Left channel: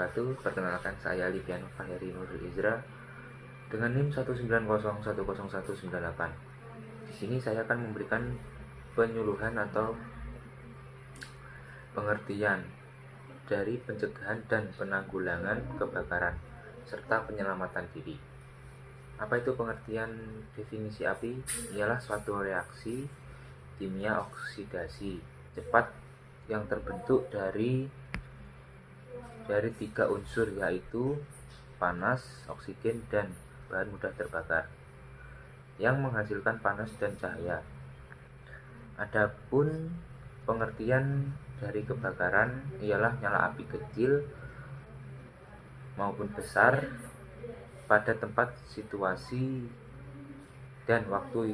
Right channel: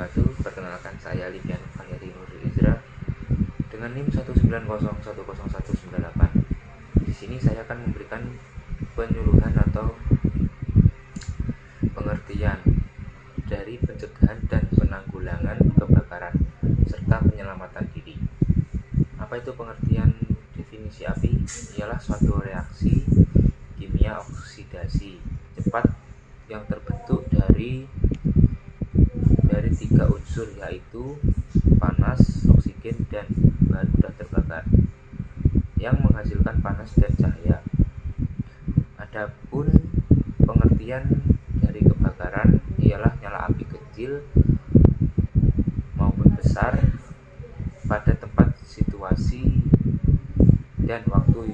wabarakatuh. Perkenalkan, saya Liviano Valeri Nurul Izra dengan NIM 190100198. Di sini saya akan memberikan penyuluhan atau pengertian dari pencegahan dan penanggulangan kebakaran serta penyelamatan diri. Apa itu pengertian definisi api? Ialah suatu reaksi kimia oksidasi cepat yang terbentuk dari 3 unsur, yaitu panas, oksigen, dan bahan mudah terbakar yang menghasilkan panas dan cahaya. Adapun pengertian dari kebakaran ialah nyala api kecil maupun besar pada tempat, situasi, dan waktu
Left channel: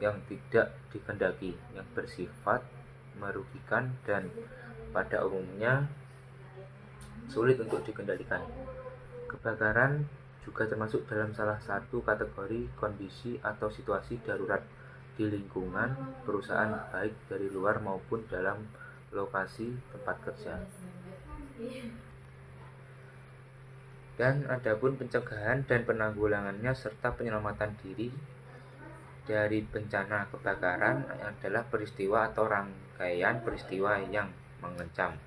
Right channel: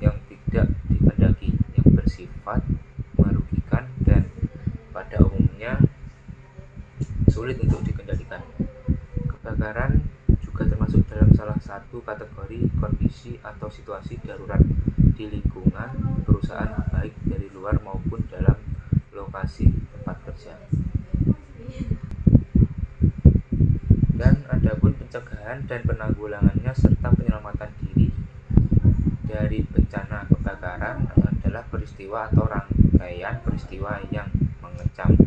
yang tidak dikehendaki, yang bersifat merugikan dan pada umumnya sulit untuk dikendalikan. Kebakaran juga termasuk dalam salah satu kategori kondisi atau situasi darurat di lingkungan perusahaan, baik dari luar maupun dalam lokasi tempat kerja. Dan adapun pencegahan dan penanggulangannya serta penyelamatan diri dari bencana kebakaran adalah peristiwa atau rangkaian peristiwa yang mengecam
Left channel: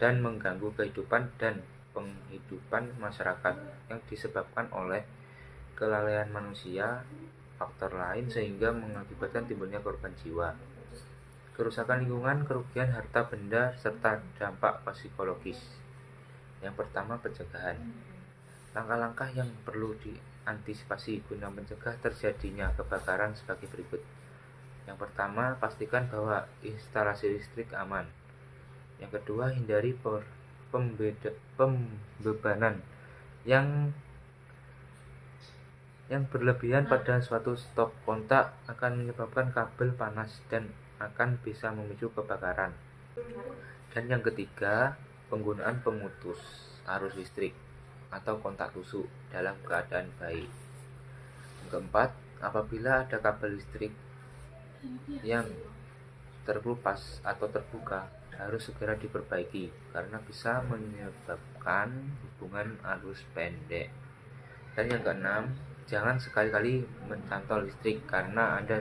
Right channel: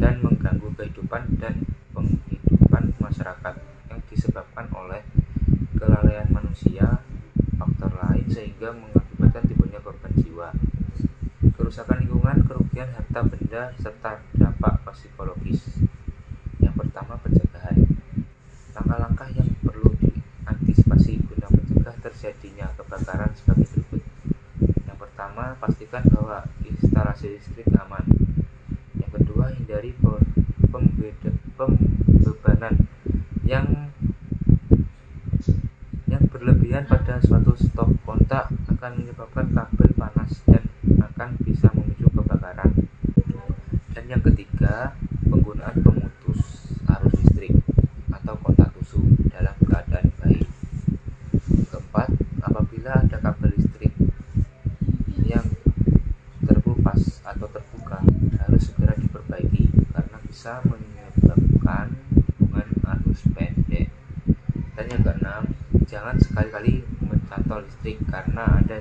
dan mengganggu kehidupan dan penghidupan masyarakat yang disebabkan oleh kelalaian manusia, faktor lain sehingga mengakibatkan timbulnya korban jiwa, kerusakan lingkungan, kerugian harta benda, serta dampak psikologis. Yang pertama, pencegahan. Langkah-langkah yang perlu diantisipasi guna mencegah terjadinya kebakaran sebagai berikut. Yang pertama, pastikan bahwa instalasi listrik aman. Yang kedua, hindari pembebanan yang berlebihan pada suatu stop kontak akan menyebabkan kabel panas dan akan bisa memicu kebakaran. Dan yang ketiga, penggunaan pemutus arus listrik atau kontak tusuk dalam keadaan baik. Keempat, apabila ada kabel listrik yang terkelupas atau terbuka, harus segera diperbaiki karena bisa menyebabkan hubungan arus pendek. Dan yang keenam, jangan sekali-kali mencantol listrik karena Anda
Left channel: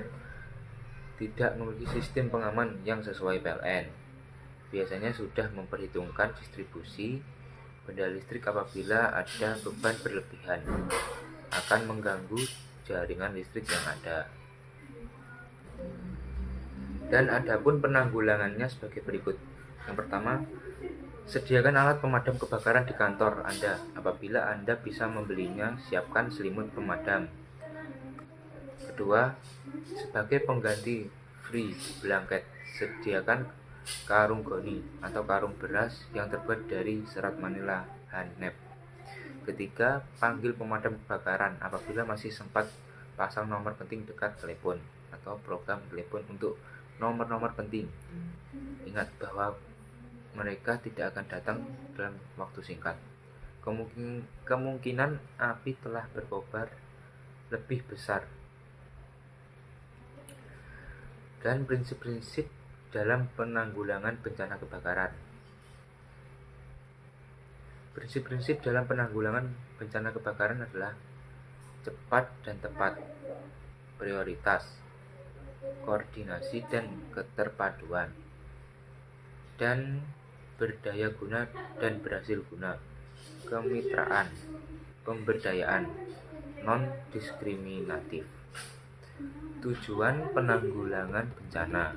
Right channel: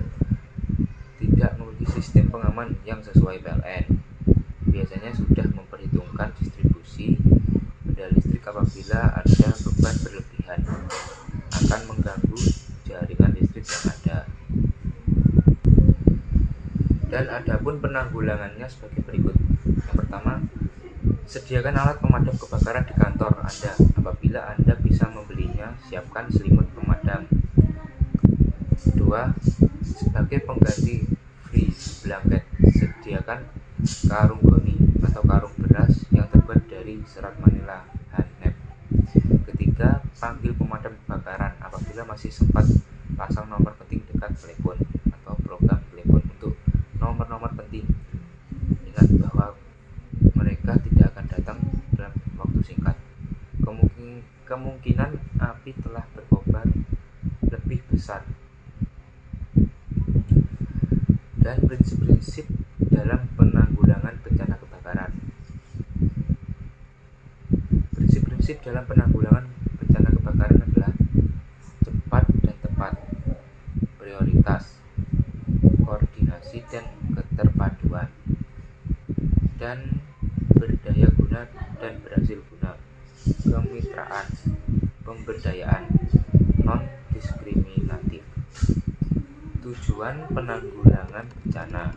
tidak memiliki sistem pengaman yang sesuai PLN. Biasanya sudah memperhitungkan distribusi benda listrik apabila ada beban berlebihan akan mengganggu jaringan listrik yang ada. Dan adapun penanggulangannya sebagai berikut. Yang pertama, sediakan alat pemadam kebakaran di kantor Anda. Apabila Anda bisa membelinya, siapkan selimut pemadam. Kedua, sebagai pengganti free blanket, sediakan karung goni atau karung beras yang terbuat dari serat manila Hanep. Ketiga, panggil pemadam kebakaran apabila masih sempat, pasang nomor penting dekat telepon atau program telepon untuk nomor-nomor penting. Ingat bahwa mereka tidak akan datang dalam waktu singkat. Kemungkinan api telah berkobar lebih besar. Dan prinsip-prinsip dalam penanggulangan bencana kebakaran. Prinsip-prinsip dalam penanggulangan bencana kebakaran adalah cepat dan tepat, prioritas, koordinasi dan keterpaduan, dan berdaya guna dan berhasil guna, kemitraan, pemberdayaan, non-diskriminatif. Tujuan penanggulangan bencana.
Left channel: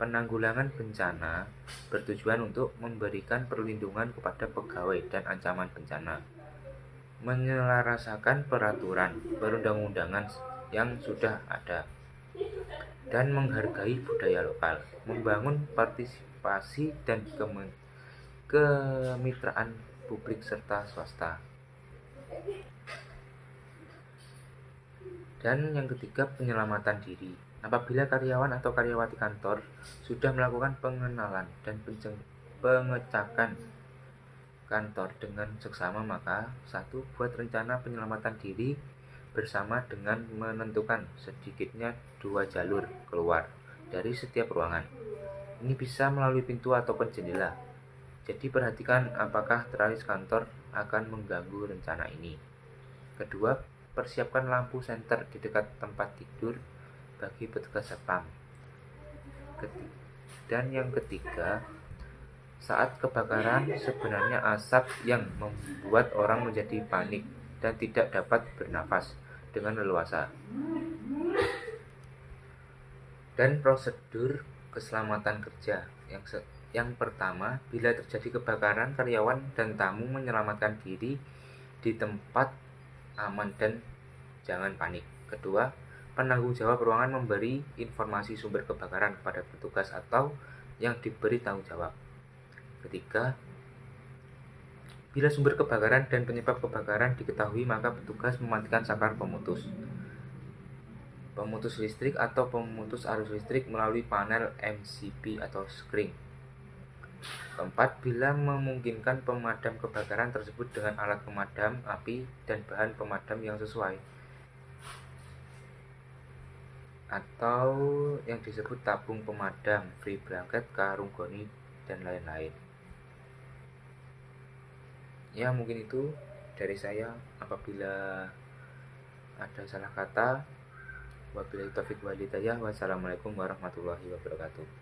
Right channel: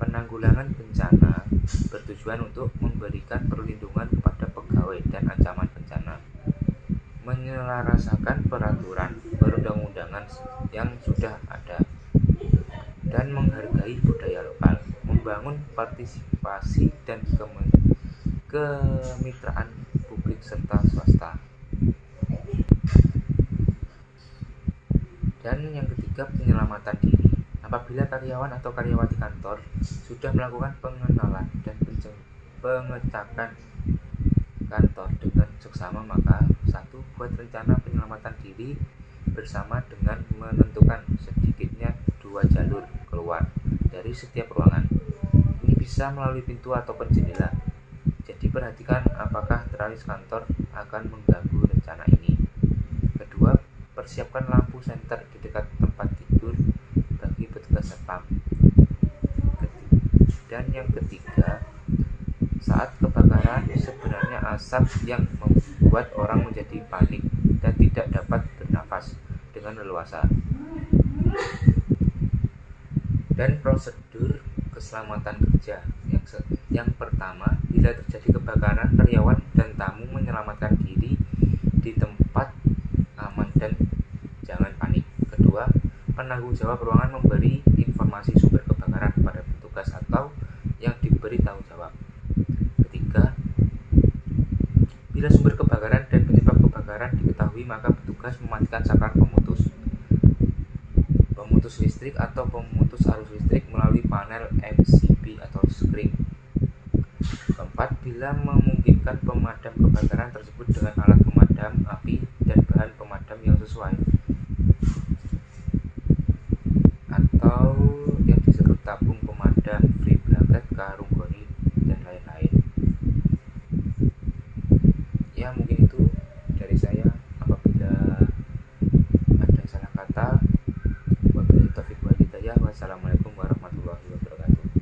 Penanggulangan bencana bertujuan untuk memberikan perlindungan kepada pegawai dan ancaman bencana, menyelaraskan peraturan perundang-undangan yang sudah ada, dan menghargai budaya lokal, membangun partisipasi dan kemitraan publik serta swasta. Dan yang ketiga, penyelamatan diri. Apabila karyawan atau karyawati kantor sudah melakukan pengenalan dan pengecekan kantor dengan seksama, maka 1. Buat rencana penyelamatan diri bersama dengan menentukan sedikitnya 2 jalur keluar dari setiap ruangan. Ini bisa melalui pintu ataupun jendela. Jadi perhatikan apakah tralis kantor akan mengganggu rencana ini. Kedua, persiapkan lampu senter di dekat tempat tidur bagi petugas satpam. Dan yang ketiga, saat kebakaran sebenarnya asap yang membuat orang menjadi panik dan tidak dapat bernafas dengan leluasa. Dan prosedur keselamatan kerja yang pertama, bila terjadi kebakaran, karyawan dan tamu menyelamatkan diri di tempat aman dan jangan panik. Kedua, penanggung jawab ruangan memberi informasi sumber kebakaran kepada petugas atau yang diberi tanggung jawab. Ketiga, bila sumber kebakaran dan penyebab kebakaran diketahui, maka petugas mematikan saklar pemutus listrik atau pemutus arus listrik melalui panel MCB atau skring. Keempat, bila memungkinkan, pemadam kebakaran tersebut dengan alat pemadam api dan bahan pemadam yang sesuai atau yang disebut tabung pemadam, free blanket, karung goni, dan lain-lain. Ya, mungkin itu dari saya. Apabila ada salah kata, wabillahi taufiq wal hidayah. Wassalamualaikum warahmatullahi wabarakatuh.